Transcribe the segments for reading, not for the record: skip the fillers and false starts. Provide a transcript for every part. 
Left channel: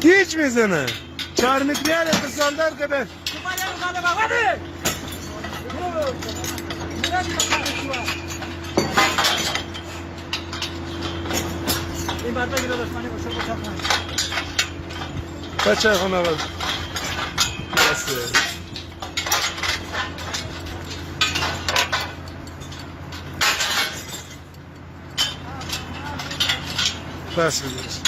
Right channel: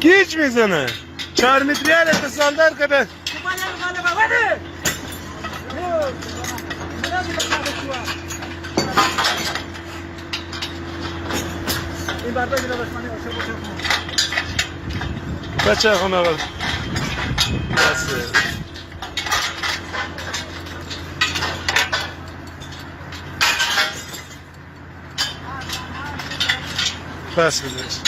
گیج میزنه 4 متریال اتصال دار کنه. این برده گیره بشمانی باشه بچه خونه آقا بس بزرش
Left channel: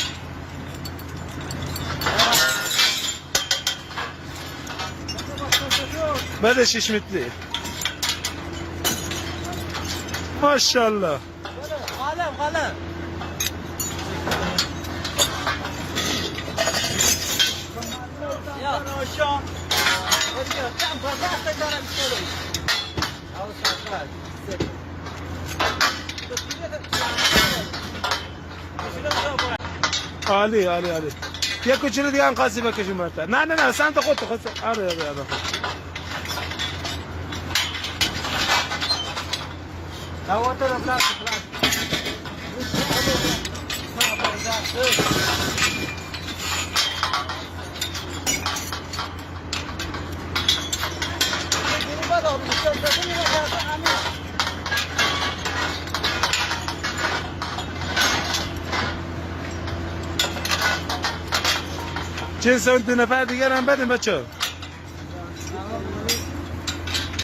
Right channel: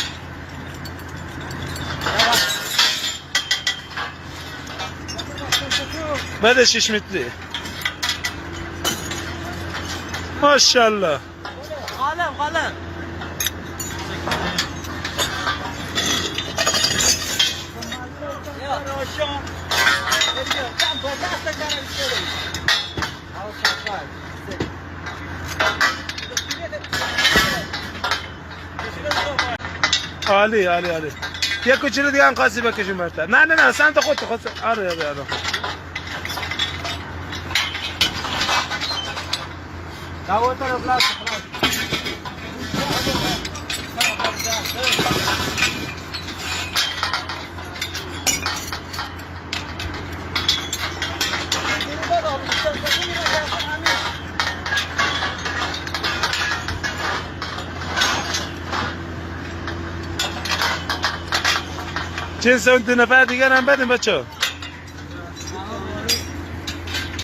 بده 6 متری ماشاءالله غالب عالی یه کوچولو دیگه هم خاصی بکشیم برتر نه سمت خودت خود آره خود دواتر خلاص چند سوم 2 نفر دیگر هم بدیم بچه